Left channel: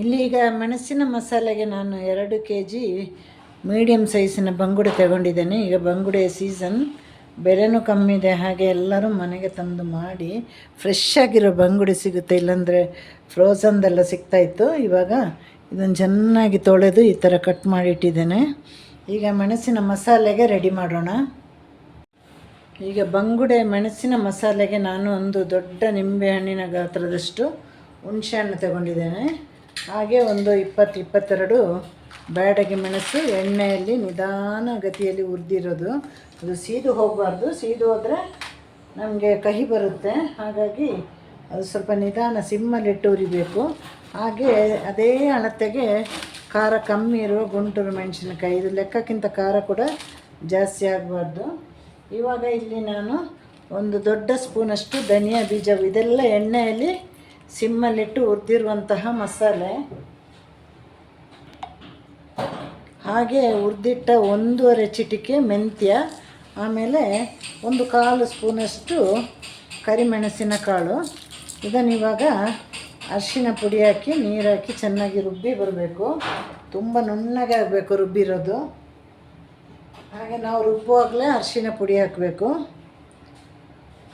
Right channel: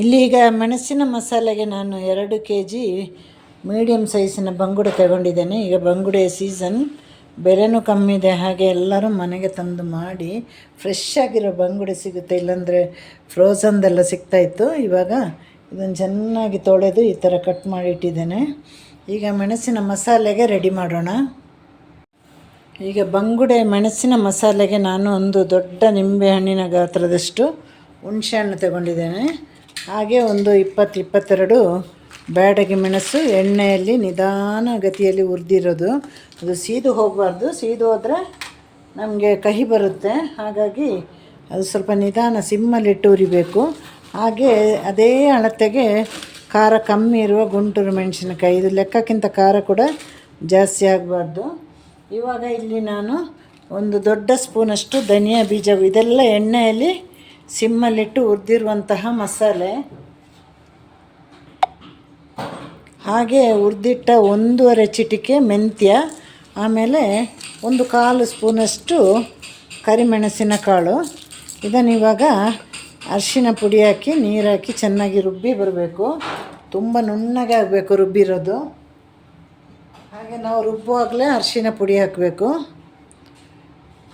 ಇಲ್ಲಿ ಈಗ ಮೆಣಸಿನ ಮಸಾಲೆಗೆ ನಾನು ಎರಡು ಕೆ ಜಿ ಮೀಡಿಯಮ್ ಸೈಜಿನ ಬಂಗುಡೆ ತಗೊಂಡಿದ್ದೇನೆ. ಈಗ ಬಂಗುಡೆ ಸೀಸನ್ ಬೆಲೆನೂ ಕಮ್ಮಿ ಇದೆ. ಹಾಗೆ ಎಲ್ಲರೂ ಮನೆಗೆ ತಂದು ಮಾಡಿ ಫ್ರೆಶ್ ಆಗಿರೋ ಬಂಗುಡೆ ಸಿಗುತ್ತೆ. ಇಲ್ಲಾಂದರೆ ಸಿಗ್ತಾ ಸಿಗ್ತಾಯಿತ್ತು ಇವಾಗ ಇದನ್ನು ಚೆನ್ನಾಗಿ ತೊಳೆದು ಈ ಥರ ಕಟ್ ಮಾಡಿ ಇಟ್ಟಿದ್ದೇನೆ ಈಗ ಮೆಣಸಿನ ಮಸಾಲೆಗೆ ರೆಡಿ ಮಾಡೋಣ. ಈಗ ಬಂಗುಡೆ ಮೆಣಸಿನ ಮಸಾಲೆಗೆ ನಾನು ಒಂದು ದೊಡ್ಡ ನಿಂಬೆಹಣ್ಣಿನ ಗಾತ್ರದಷ್ಟು ಹುಣಸೆಹಣ್ಣು ತಗೊಂಡಿದ್ದೇನೆ. ಹಾಗೆ ಒಂದು ಇಪ್ಪತ್ತು ಇಪ್ಪತ್ತೆರಡು ಬ್ಯಾಡಗಿ ಮೆಣಸು ಎಣ್ಣೆಯಲ್ಲಿ ನಿಧಾನ ಗತಿಯಲ್ಲಿ ಹುರಿದಿರೋದು. ಅದು ಸೀದು ಹೋಗಬಾರ್ದು. ಸೀದು ಹೋದರೆ ನಮಗೆ ಕಹಿ ಬರುತ್ತೆ. ಹಾಗಾಗಿ ಅದು ಸ್ವಲ್ಪ ನಿಧಾನ ಸಿಮ್ಮಲ್ಲಿಟ್ಟು ಉರಿಬೇಕು ಹಾಗೆ ಅದೇ ಅಳತೆಗೆ ಖಾರ ಕಮ್ಮಿ ಇರುವ ಗುಂಟೂರು ಮೆಣಸಿನಕಾಯಿ. ಇದು ಲೆಕ್ಕಕ್ಕಿಂತ ಖಾರ ಕೂಡ ಜಾಸ್ತಿ ಆಗಬಾರ್ದು. ಇವಾಗ ಇಲ್ಲಿ ನಾನು ಒಂದು ದೊಡ್ಡ ಸ್ಪೂನಷ್ಟು ಧನಿಯಾ ಬೀಜ, ಇದೆಲ್ಲ ಎಣ್ಣೆಯಲ್ಲಿ ಸಿಮ್ಮಲ್ಲಿಟ್ಟು ಹುರಿದಿರುವಂತಹ ಮಸಾಲೆ. ಹಾಗೆ ಹುರಿದಿಟ್ಟ ಒಂದೂವರೆ ಚಿಟಿಕೆ ಮೆಂತ್ಯ, ಆಮೇಲೆ ಒಂದು ಕಾಲು ಸ್ಪೂನಷ್ಟು ಕರಿಮೆಣಸಿನ ಕಾಳು. ಇದನ್ನು ಇವಾಗ ಅರಿಶಿನ ಪುಡಿ ಹಾಕಿ, ನೀರು ಹಾಕಿ ಚೆನ್ನಾಗಿ ರುಬ್ಬಿ ಬರಬೇಕು. ತುಂಬ ನುಣ್ಣಗೆ ಆಗಬೇಕು ರುಬ್ಬಿರೋದು. ಹಾಗೆ ನಾವು ರುಬ್ಬುವಾಗಲೇ ಅರಿಶಿನ ಪುಡಿ ಹಾಕಬೇಕು.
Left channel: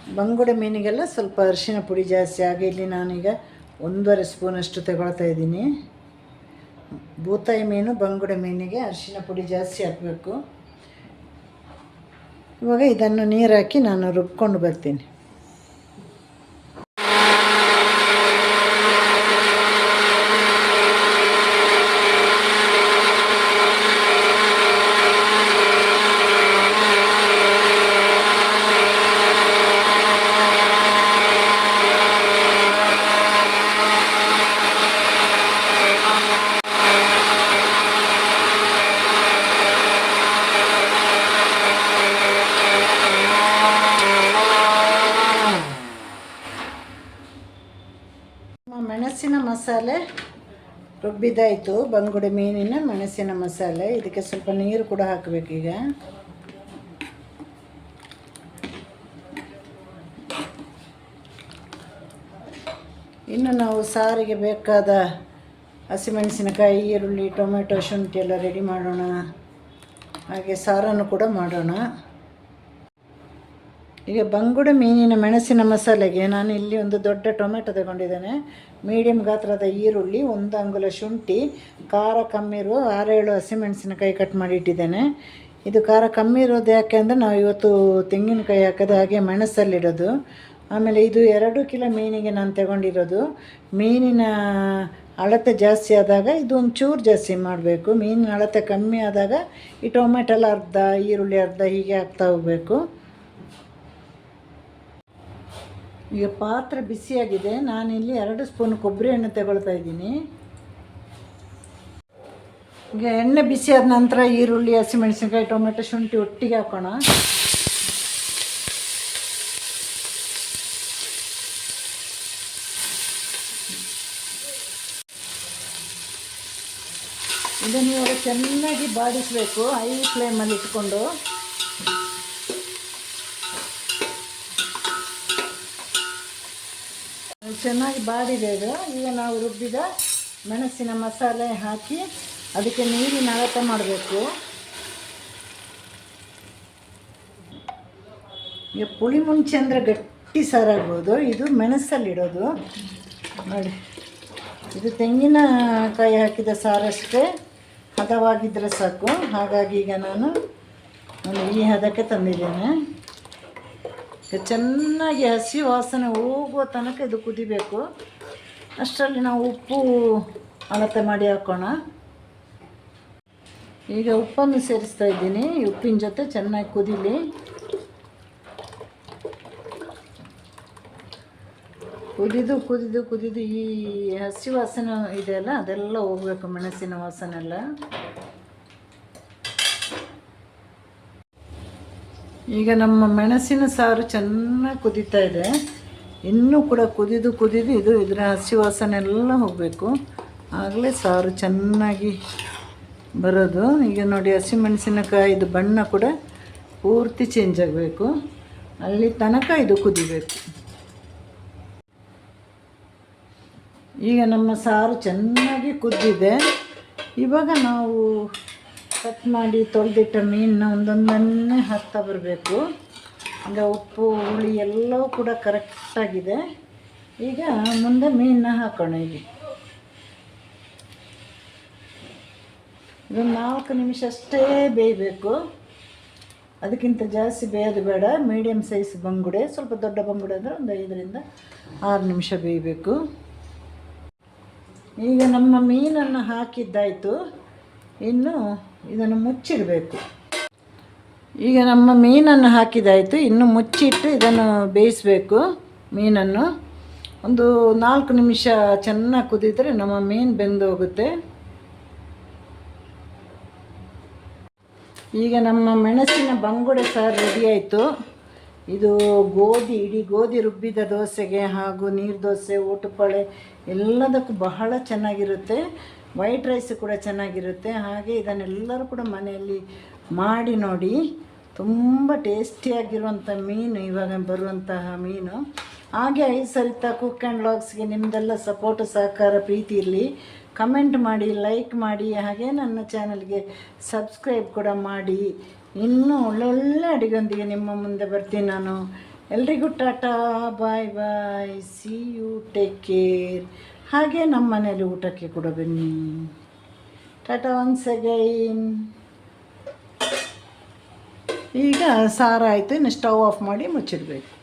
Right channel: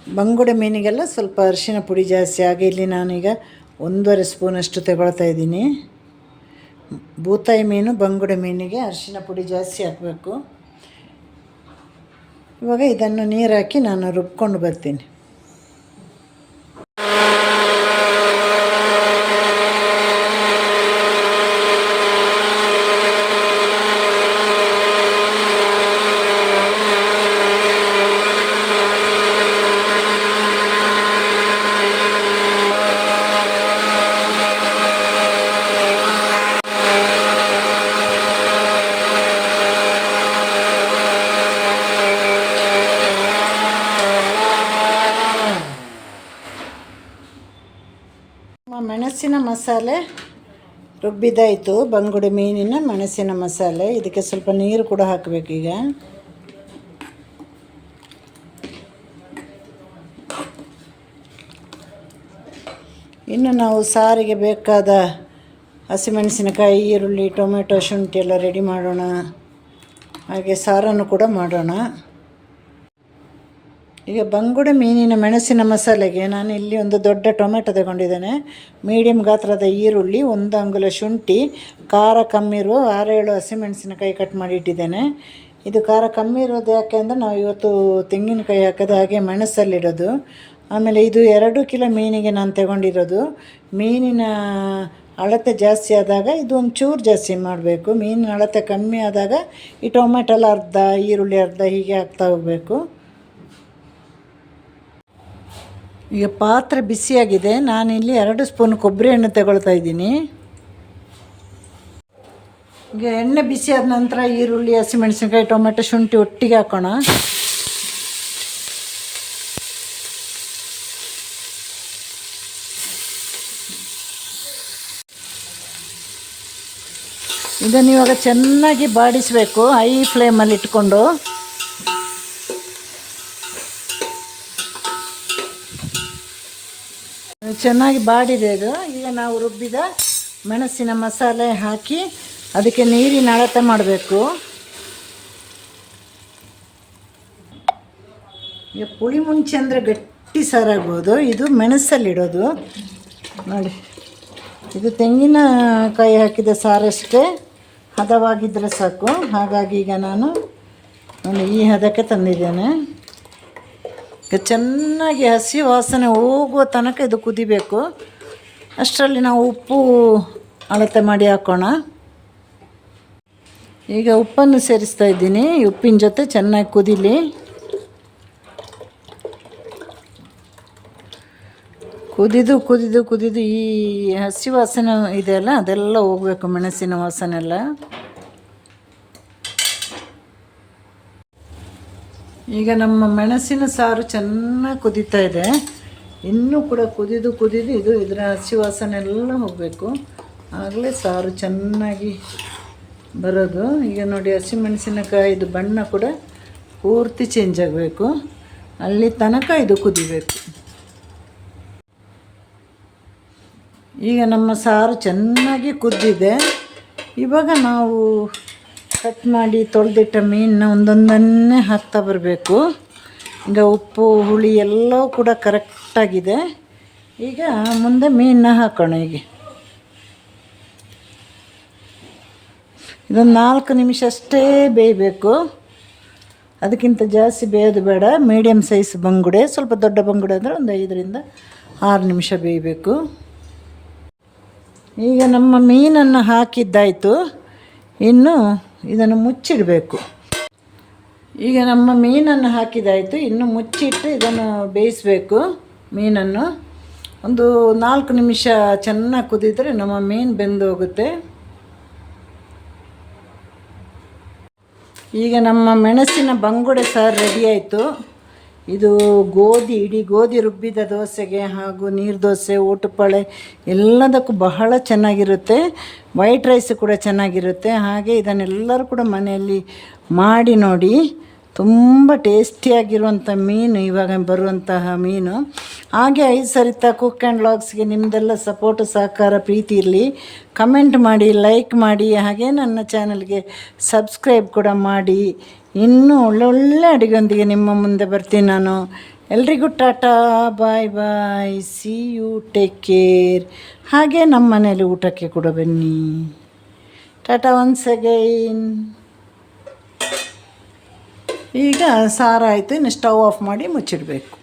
ಬಂಗುಡೆ ಮೀನಿಗೆಲ್ಲ ಸ್ವಲ್ಪ ಅರಿಶಿನ ಪುಡಿ ಜಾಸ್ತಿ ಆಗಿ ಇಲ್ಲಿ ನಾನೀಗ ಒಂದೂವರೆ ಸ್ಪೂನಷ್ಟು ತಗೊಳ್ತಾ ಇದ್ದೀನಿ. ಬೂತಾಯಿ ಮೀನು, ಬಂಗುಡೆ ಮೀನಿಗೆ ಅರಿಶಿನ ಪುಡಿ ಜಾಸ್ತಿ ಹಾಕಬೇಕು. ಇವಾಗ ಇದನ್ನು ನೀರು ಹಾಕಿ ನಾನು ರುಬ್ಕೊಂಡು ಬರ್ತೀನಿ ನಮ್ಮ ಮೆಣಸಿನ ಮಸಾಲೆ ರುಬ್ಬಿದಾಯಿತು ಬಂಗುಡೆ ಮೀನಿನ ಮೆಣಸಿನ ಮಸಾಲೆ. ಇದಕ್ಕೆ ಸ್ವಲ್ಪ ನೀರು ಕೂಡ ಹಾಕಬೇಕೀಗ ಇನ್ನು ನಾವು ಸಾರಿಗೆ ಬೇಕಾದ ಹಸಿಮೆಣಸಿನಕಾಯಿ, ಈರುಳ್ಳಿ, ಟೊಮೆಟೊ, ಶುಂಠಿ ಎಲ್ಲ ರೆಡಿ ಮಾಡೋಣ. ಹಾಗೆ ಸಾರನ್ನು ಕೂಡ ಮಾಡೋಣ. ಈಗ ಬಂಗುಡ ಮೀನಿನ ಮೆಣಸಿನ ಮಸಾಲೆಗೆ ನಾನು ಇಲ್ಲಿ ಒಂದು ದೊಡ್ಡ ಟೊಮೆಟೊ ತಗೊಂಡಿದ್ದೇನೆ. ಮೀಡಿಯಮ್ ಗಾತ್ರದ ಈರುಳ್ಳಿ, ಒಂದು ಅಂಗುಲ ಶುಂಠಿ, ಖಾರ ಕಮ್ಮಿ ಇರುವ ಆರೇಳು ಹಸಿಮೆಣಸಿನಕಾಯಿ ಕಟ್ ಮಾಡಿ ಇಟ್ಟಿದ್ದೇನೆ. ಇದು ಖಾರ ಕಮ್ಮಿ ಇರೋದು ಯಾಕೆ ಅಂದರೆ ನಾವು ಇವತ್ತು ತೆಂಗಿನಕಾಯಿ ಹಾಕೋದು ಹಾಗೆ ಮೆಣಸಲ್ಲಿಡೋದು. ಆಮೇಲೆ ಇದು ಎರಡು ಕಿಲೋ ಮೀನಿಗೆ ನಾನು ತಗೊಂಡಿರೋದು. ಮೀನಿನ ಅಳತೆ ಜಾಸ್ತಿ ಆದಾಗ ಇದು ಒಂದು ಚೂರು ಜಾಸ್ತಿ ಮಾಡಬೇಕು. ಮೀನಿನ ಅಳತೆ ಕಮ್ಮಿ ಆದಾಗ ಈ ಟೊಮೆಟೊಲ್ಲ ಅರ್ಧ, ಈರುಳ್ಳಿ ಅರ್ಧ ಹೀಗೆ ಹಾಕ್ತಾ ಹೋಗಬೇಕು. ಈಗ ಪಾತ್ರೆ ಬಿಸಿಯಾಗಿದೆ, ನಾನಿಲ್ಲಿ ಎರಡು ಸ್ಪೂನ್ ಕೊಬ್ಬರಿ ಎಣ್ಣೆ ತಗೊಳ್ತಾ ಇದ್ದೀನಿ. ಈಗ ಎಣ್ಣೆ ಬಿಸಿಯಾದ ನಂತರ ಈರುಳ್ಳಿ, ಹಸಿಮೆಣಸಿನ್ಕಾಯಿ, ಟೊಮೆಟೊ, ಶುಂಠಿ ಒಟ್ಟಿಗೆ ಹಾಕೋಣ. ಇದನ್ನು ಇವಾಗ ಚೆನ್ನಾಗಿ ಬಾಡಿಸಬೇಕು, ಹೈ ಫ್ಲೇಮಲ್ಲಿ ಇಟ್ಕೊಂಡು. ಚೆನ್ನಾಗಿ ಬಾಡಿದೆ ಅದು. ಈಗ ನಾವು ರುಬ್ಬಿದ ಮೆಣಸಿನ ಮಸಾಲೆ ಹಾಕಿ ಅದಕ್ಕೆ ನೀರಿನ ಅಳತೆ ಮಾಡಬೇಕು. ಈಗ ಪುಳಿ ಮುಂಚೆ ಅಂದರೆ ಗಟ್ಟಿ ಸಾರಾಗ್ಬೋದು. ಇದು ಮೆಣಸಲ್ಲಿಡೋದು ನೋಡಿ. ಇದು ತೆಂಗಿನಕಾಯಿ ಹಾಕಿದ ಸಾರಷ್ಟೇ ಹದವಾಗಿದ್ದರೆ ಸಾಕು. ಹಾಗಾಗಿ ಈಗ ನಾನು ಈ ಹದಕ್ಕೆ ತಂದಿದ್ದೇನೆ. ಚೆನ್ನಾಗಿ ಹಸಿ ವಾಸನೆ ಹೋಗುವ ತನಕ ಇದು ಕುದಿಬೇಕು. ಅಷ್ಟರಲ್ಲಿ ನಾವು ಉಪ್ಪು ಅಳತೆ ಮಾಡಿ ಹಾಕೋಣ. ಈಗ ಉಪ್ಪನ್ನು ಸೇರಿಸ್ತಾ ಇದ್ದೀನಿ. ಉಪ್ಪಿನ ಜೊತೆ ಚೆನ್ನಾಗಿ ಕುದಿಲಿ. ಕುದಿದು ಕುದಿದು ಕುದಿದು ಈ ಹಸಿ ವಾಸನೆ ಇದೆಯಲ್ಲ, ಅದೆಲ್ಲ ಹೋಗಬೇಕು ಮೆಣಸಿನ ವಾಸನೆ ಈಗ ನಮ್ಮ ಮೆಣಸಿನ ಸಾರು ಚೆನ್ನಾಗಿ ಕುದೀತಾ ಇದೆ. ಇನ್ನೂ ಕೂಡ ಕುದಿದು ಕುದಿದು ಇದು ಇದರ ಹಸಿ ವಾಸನೆ ಎಲ್ಲ ಹೋಗಬೇಕು. ಆಗಲೇ ಸಾರು ಚೆನ್ನಾಗಿ ಬರೋದು. ಈಗ ನೋಡಿ ಹಸಿಮೆಣಸಿನಕಾಯಿದು ಬಣ್ಣ ಕೂಡ ಪೂರ್ತಿ ಚೇಂಜ್ ಆಗಬೇಕು. ಅಲ್ಲಿ ತನಕ ಇದು ಕುದಿಬೇಕು. ಈಗ ನಮ್ಮ ಸಾರು ಚೆನ್ನಾಗಿ ಕುದ್ದಿದೆ. ಇವಾಗ ನಾವು ಕಟ್ ಮಾಡಿ ತೊಳೆದಿಟ್ಟ ಮೀನನ್ನ ಒಂದೊಂದನ್ನೇ ಹಾಕ್ತಾ ಬರಬೇಕು. ಈಗ ಉಪ್ಪು, ಹುಳಿ ಎಲ್ಲವೂ ಕೂಡ ಕರೆಕ್ಟಾಗಿದೆ ಈಗ ಮುಂದೆ ಮೀನನ್ನ ಹಾಕೋಣ ಈಗ ಇದೊಂದು ನಾಲ್ಕು ನಿಮಿಷ ಅಷ್ಟೇ ಬೇಯಬೇಕು. ಅದಕ್ಕಿಂತ ಜಾಸ್ತಿ ಬೇಯೋದು ಬೇಡ. ಮೀಡಿಯಮ್ ಸೈಜ್ ಬಂಗುಡೆ, ಸ್ವಲ್ಪ ದೊಡ್ಡ ಬಂಗುಡೆ ಅಂದರೆ ಒಂದು ಐದರಿಂದ ಆರು ನಿಮಿಷ ಬೇಯಬೇಕು. ಈಗ ನಮ್ಮ ಮೀನನ್ನು ಹಾಕಿದ್ದಾಯಿತು. ಇನ್ನು ಇದನ್ನು ಮುಚ್ಚಿಡಬೇಕು. ಈಗ ನಮ್ಮ ಮೀನನ್ನು ಹಾಕಿದಾಯಿತು. ಇನ್ನು ಮುಚ್ಚಿಟ್ಟು ಇದನ್ನು ಬೇಯಿಸಬೇಕು ಮೀನನ್ನು. ಒಂದು ನಾಲ್ಕು ನಿಮಿಷ ಚೆನ್ನಾಗಿ ಕುದಿದರೆ ನಮ್ಮ ಮೀನು ಬೆಂದು ಹೋಗುತ್ತೆ ಈಗ ನಮ್ಮ ಮೆಣಸಿನ ಬಂಗುಡೆ ಸಾರು ರೆಡಿ ಆಯಿತು. ಇದು ಗೋಧಿ, ಇಡೀ ಗೋಧಿ ರುಬ್ಬಿದ ದೋಸೆಗೆ ಹಾಗೂ ನೀರು ದೋಸೆ ಊಟಪಳೆ ಎಲ್ಲದಕ್ಕೂ ಬಹಳ ಚೆನ್ನಾಗಿರುತ್ತೆ. ವೈಟ್ ರೈಸ್ ಕೂಡ ಚೆನ್ನಾಗಿರುತ್ತೆ. ಹಾಗೆ ಇದನ್ನೆಲ್ಲರೂ ಕೂಡ ಮನೆಯಲ್ಲಿ ಮಾಡಿ ನೋಡಿ. ತುಂಬ ಟೇಸ್ಟಿಯಾಗಿರುವಂಥ ಮೀನು, ಇವಾಗ ಬರುವಂತಹ ಮೀನು. ಹಾಗೆ ಐದು ಸರಿತ ಕುಕ್ ಆ್ಯಂಡ್ ಲಾಗ್ಸ್ಗೆ ನಿಮ್ಮದೆಲ್ಲ ಸಪೋರ್ಟ್, ಸಹಕಾರ, ಪ್ರೀತಿ ಇರಲಿ. ಕಮೆಂಟ್ ಮಾಡಿ, ಲೈಕ್ ಮಾಡಿ, ಹಾಗೆ ನನ್ನ ಚಾನಲ್ಗೆ ಸಬ್ಸ್ಕ್ರೈಬ್ ಕೂಡ ಮಾಡಿ. ಇನ್ನೂ ಒಳ್ಳೊಳ್ಳೆ ಅಡುಗೆಯೊಂದಿಗೆ ನಿಮ್ಮ ಮುಂದೆ ಬರ್ತೀನಿ ನಾನು. ಎಲ್ರಿಗೂ tata, bye bye. See you take care ಹಾಗೆ ನಮ್ಮ ಮನೇಲಿ ಊಟಕ್ಕೆ ಕೂಡ ಬನ್ನಿ. ಟಾಟಾ ಒನ್ಸ್ ಅಗೈನ್ ಈಗ ಸಾರಾಯಿತು ಇನ್ನು ಸ್ಟವ್ ಆಫ್ ಮಾಡಿ ಮುಚ್ಚಿಡಬೇಕು.